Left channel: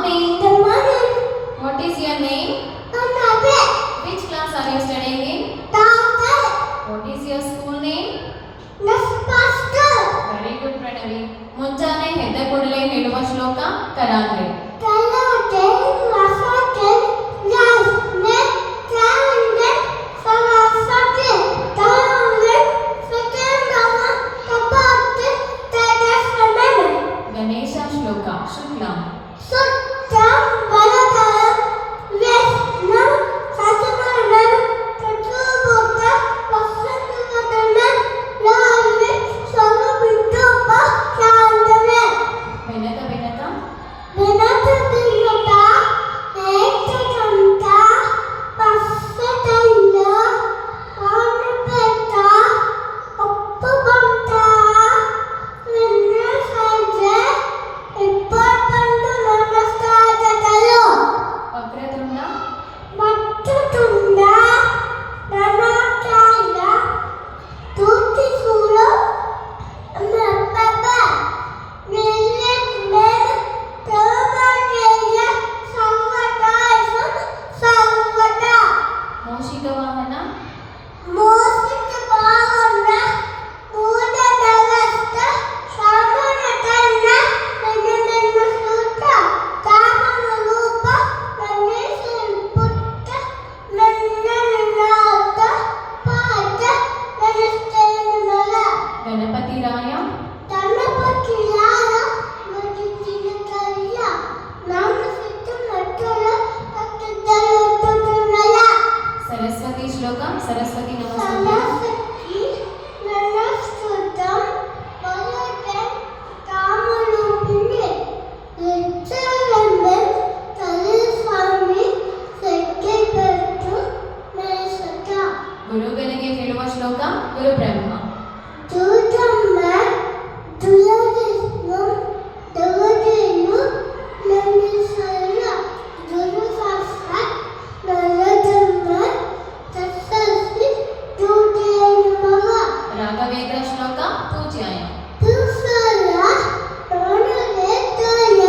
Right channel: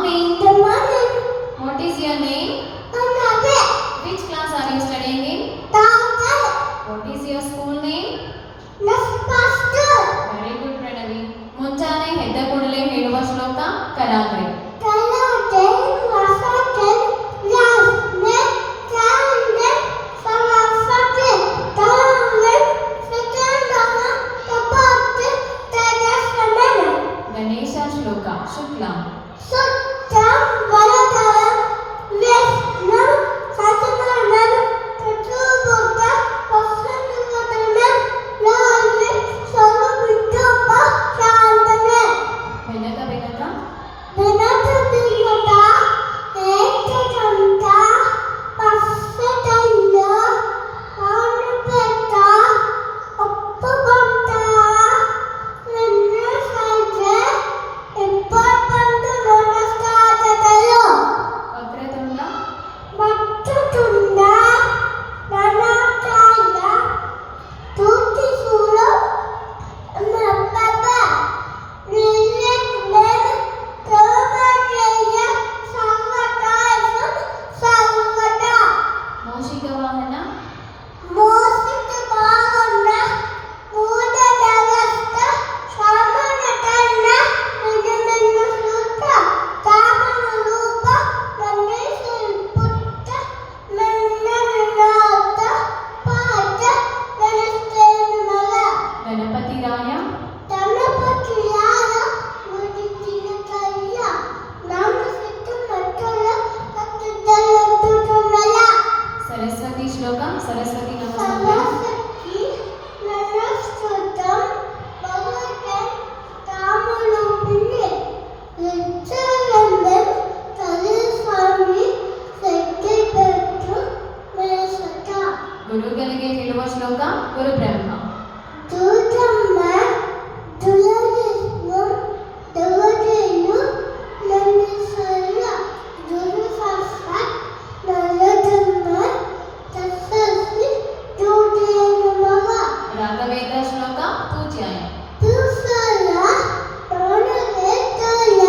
morning. Good morning. What is your name? Another. Which class are you studying in? Doctor. What is your school name? Next pastor. Very good, Pranavi. ಮುಂಜಾನೆ ಎದ್ದ ಕೂಡಲೇ ಹೇಳುವ ಶ್ಲೋಕ ಕರಾಗ್ರೆ. Kalate wasate las ne kande samasate tawe sekandama tapate tadasamena. Ganesha ಶ್ಲೋಕ ಶುಕ್ಲಂ. Suttam valadam vesnam satamanam tatubota vasandamanam lave salabitapa chandane. Benaka Benaka Venatadiyata ekakanta passatayya anupeta appavanta nanna sajja ippatandu namaskaralu Vakratunda mattutunda nanakaya tutisula nappapa nilletmen tamakeya samvatasun samvata ಮೌಷಿಕ ವಾಹನ mosita bhavana mudadavasta samanatanna nanananna sutta tamana rupa nannesan putta nannanata pata nanastennala Ganapati ರಾಯ ಗಣಪತಿಯಾರ ಮುಡಿತಿನ ಕರಿಯ ನಮ್ಮ ಸುತ್ತು ಮಟ್ಟಲ ಕತ್ತದಲ್ಲೊಟ್ಟುನಲ ಸರಸ್ವತಿ ಶ್ಲೋಕ ಸರಸ್ವತಿ ನಮಸ್ತುಭ್ಯಂ. ಸಮಸ್ಯಕ್ಕೆ ನನ್ನ ಸ್ತುತಂ ಬಲಕಂ ಕಾಮಲುಪಿನಿ ಹೆಚ್ಚಲಂದನ್ ತಲೆಸ್ವಾಮಿ ಸೆಕ್ಕೆ ಬೆಟ್ಟು ಮೇಸಕ ಗುರುಗಳಿಗೆ ಹೇಳುವ ಶ್ಲೋಕ ಗುರು ಬ್ರಹ್ಮ. ದೂತಮ್ಮ ದುಲಗಿಸ್ನು ದವದೇನು ನನ್ನಿಸಲ್ಲ ದುರುಸಾಸ್ತ ನಲ್ಲದಮ್ಮ ತಸ್ಸಸ್ಸಿ ದೂತೇನು ಮಗ ರಾಘವೇಂದ್ರ ಶ್ಲೋಕ ಪೂಜ್ಯಾಯ. ತುಸಲ ಓಣಲೆತ್ತಯ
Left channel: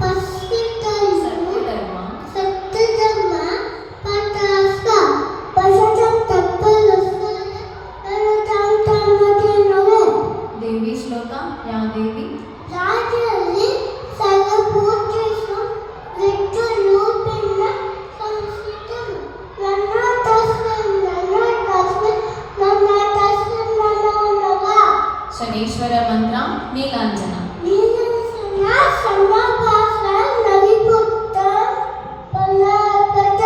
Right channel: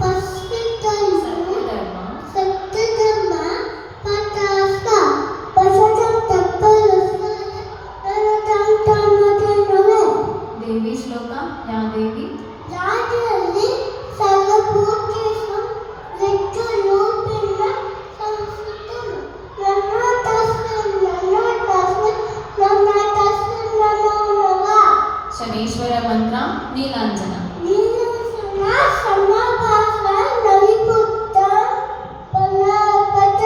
ಪಸ್ಸಿತಯ್ಯ ಸತ್ಯಧರ್ಮ ಸತ್ತದಮ್ಮ ಪಟಾಸ ಪಸದಂ ತಪ್ಪಲಸಯ ನನ್ನದಂತಮದೇನವೆ ದೇವಿ ಶ್ಲೋಕ ಯಾ ದೇವಿ ರಾಜರಲ್ಲಿ ಸರ್ವಭೂತೇಷು ವಿಷ್ಣುರೂಪೇಣ ಸಂಸ್ಥಿತನು ನನ್ನ ತಸ್ಮಿನ್ ನಮೋನಮಃ ಶನೀಶ್ವರ ಮಂತ್ರ ನೀಲಾಂಜನ. ನೀಲಸನ ಸಮಭಾಸ ನವಿಪುತ್ತ ಪಲ್ಲಪದ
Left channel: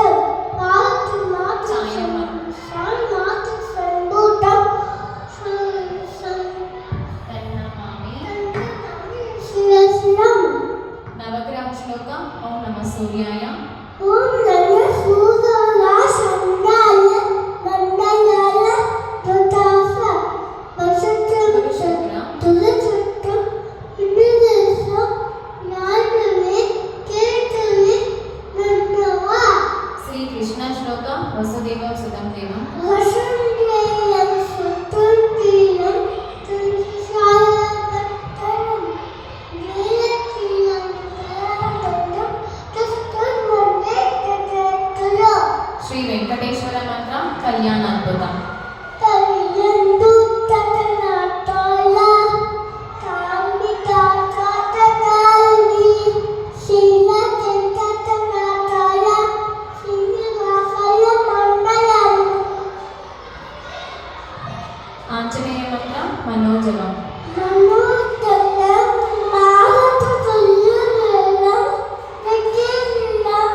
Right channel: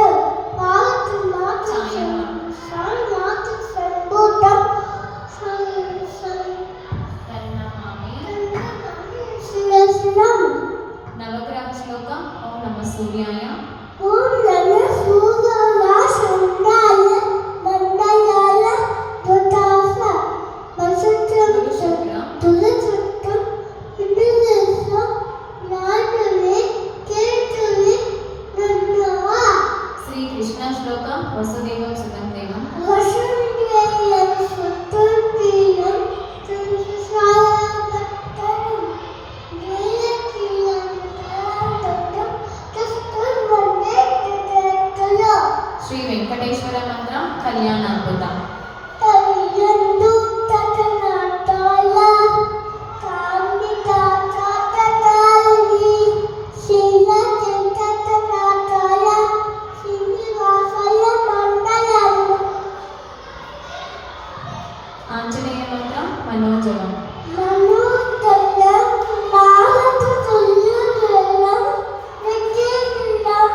ಮಾತು ಮಾತು ಮಾತು ಸಂಭೂತಂ ತನ್ನಮಾಮಿ. ಶಿವಸ್ನಂ ನವಗ್ರಹ ಶ್ಲೋಕ ಓಂ ನಮಃ ಸೂರ್ಯಾಯ. ಓಂ ನಮ ಸೂರ್ಯಾಯ ಚಂದ್ರಾಯ ಮಂಡಲಾಯ ಋತಾಸ ವಸುತ್ರಂ ತುಲಸತ್ರಂ ಹಿಡಿದೇಶ ಜ್ಞಾನವೇ ಕೇತವೇ ನನ್ನವ ಶ್ರೀ ಕೃಷ್ಣ ಶ್ಲೋಕ ವಸುದೇವ ಸುತಂ ದೇವಂ. ವಸುಂಧರೆಯಂ ಸುತಂತ್ರೀಯಂ ತುಲಸಾಯಪತ್ತರಂ ಜ್ಞೇಯಕೀಯಂ ತರತಂ ತಸ್ಕರ್ಮಣೆ ತತತಲ ಶ್ರೀ ವೆಂಕಟೇಶ್ವರ ಮಂತ್ರ ಕಲ್ಯಾಣ ಅದ್ಭುತ. ತರಿಯಂದು ತತನಾತಾಲ ಕಾಮಿತಾ ಕಾತಕಾಲಿ ಶೀಲ ತತನಾತಾಲ ಶ್ರೀನಿವಾಸಯ ಮಂಡಲಂ ಆಂಜನೇಯ ಮಂತ್ರ ಮನೋಜವಂ. ನಮೋಸ್ತುತಂ ಮಾರುತತುಲ್ಯವೇಗಂ ವಿದ್ಯೇಂದ್ರಂ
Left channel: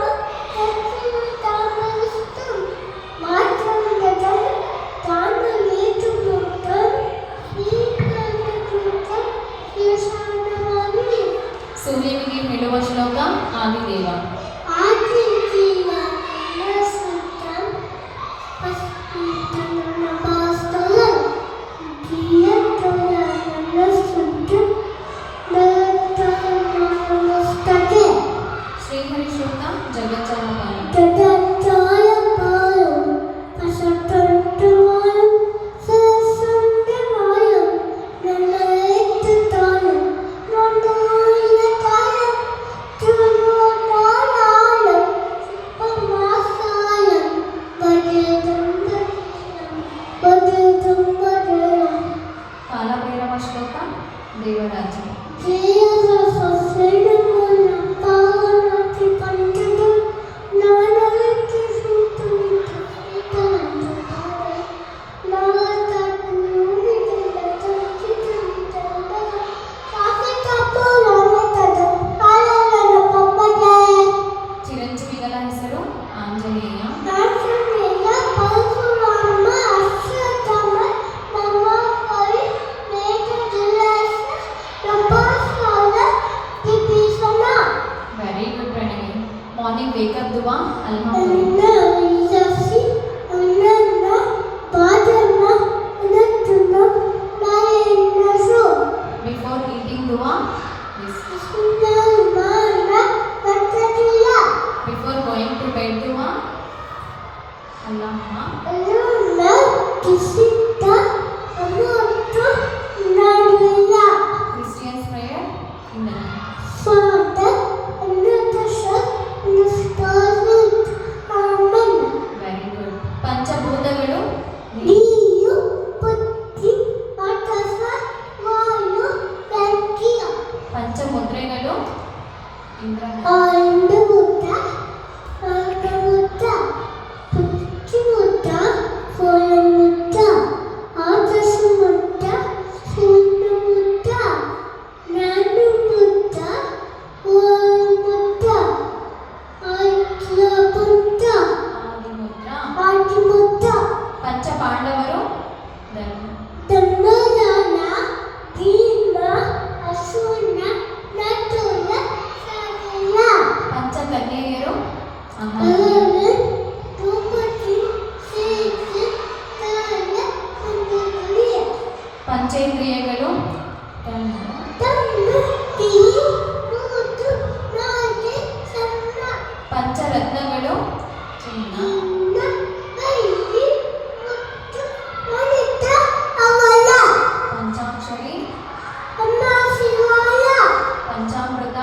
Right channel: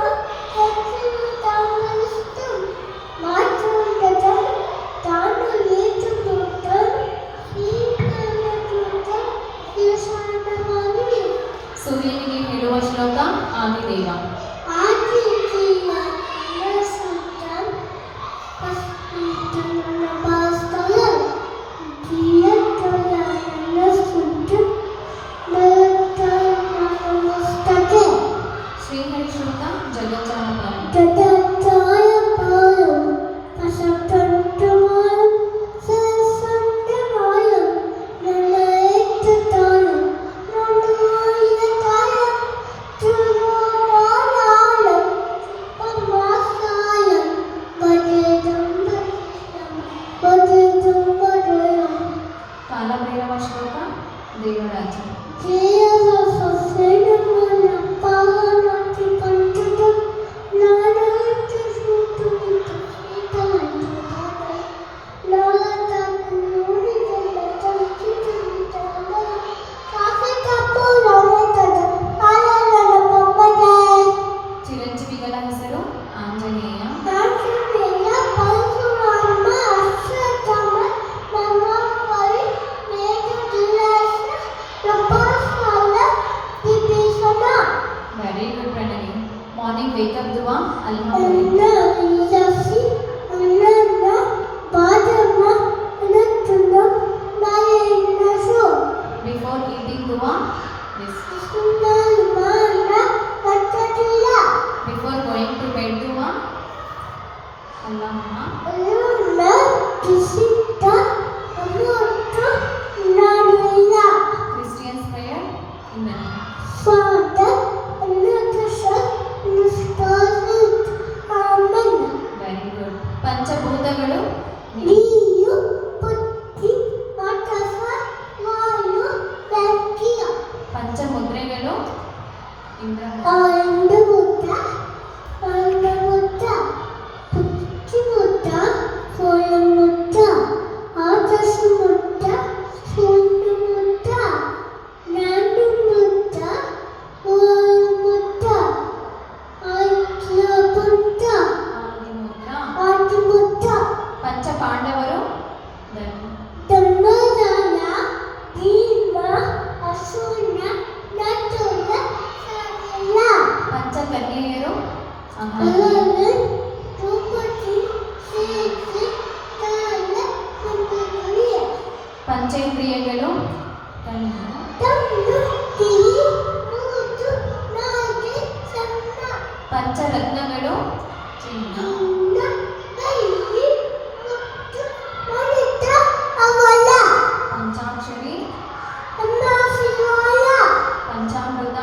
ಯಕ್ಷಿಣತಾಮಸ್ತಂ ಮಾತೃಂಗತಂ ತಾನುವೇತಮುಕ್ತಂ ಶ್ರೀಕರಕೃತಂ ಯಶಾನಮಾಮಿ ಸೂರ್ಯನಿಗೆ ಹೇಳುವ ಶ್ಲೋಕ ಆದಿದೇವ. ಆದಿತ್ಯ ನಮಸ್ತಂ ಪಸ್ಮಿತಂ ನಮಸ್ತಂ ಧಿಯಂತಯ ನಮಸ್ತಂ ನಮಸ್ತತೆ ಶ್ರೀಹರಿ ಶ್ಲೋಕ ಜಗಜ್ಜಾಲಪಾಲ. ತದತ್ತಾಯ ಪಾಯಂ ಪಸಪಂತಮಾಯಂ ಸಸಂಗಮಾಯಂ ನನ್ನೈತತಾಯಂ ನನ್ನೋಯತಾಯಂ ತುನೋ ಚಿರಂಜೀವಿಗಳ ಹೆಸರು Anjaneya. Very good Pranavi. Morning wake up ದುವಾ ಅಲ್ಮಾ ಬಿಫೋರ್ ಈಟಿಂಗ್ ದುವಾ ಬಿಫೋರ್ ಗೋಯಿಂಗ್ ಟು ಬೆಡ್ ದುವಾ ಅಲ್ಲಮ್ಮ. Christians prayer in the very good. ಪಂಚಭೂತಗಳು ಪಂಚಮುದ್ರೆಗಳು ಇಂದ್ರಮ ಆದಿಮುದ್ರ. ಪಂಚಪಾಂಡವರು ಪಂಚಕನ್ಯೆಯರು ಪಂಚೇಂದ್ರಿಯಗಳು ಪಂಚರತ್ನಗಳು ಚಿನ್ನ. ಪಂಚಾಕ್ಷರಿ ಪಂಚಾಮೃತ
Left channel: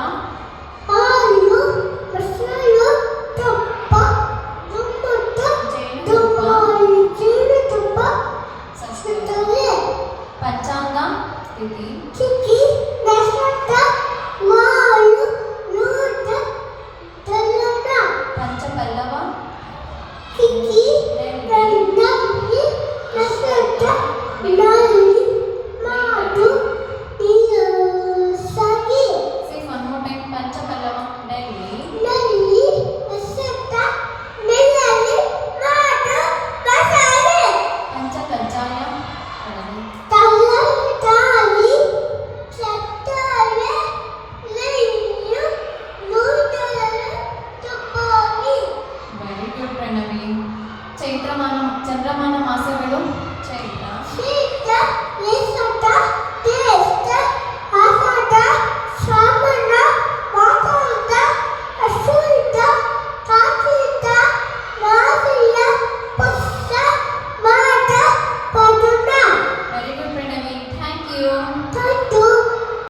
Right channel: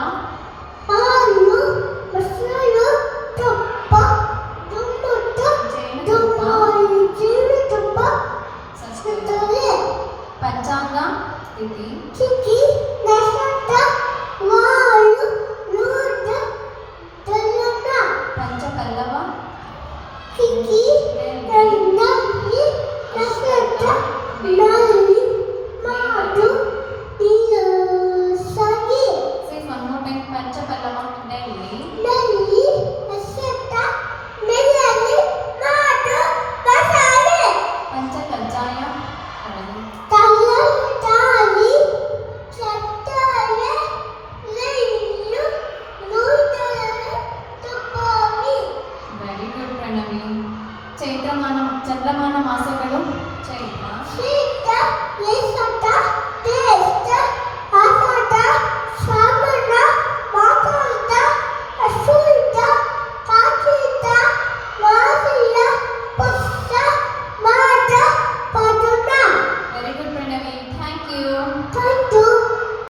ಜೇನುತುಪ್ಪ ಸಸ್ಯ. ಪಂಚಾಂಗ ತಿಥಿ ಪಂಚಪಲ್ಲವ Say one more time. ಪಂಚಪಲ್ಲವ ನೆಲ್ಲಿ ಪಂಚಕಜ್ಜಾಯ ವೆರಿ ಗುಡ್ ಪ್ರಣವಿ. ಚಂದ್ರಮಾನ ಮಾಸಗಳು ಚೈತ್ರ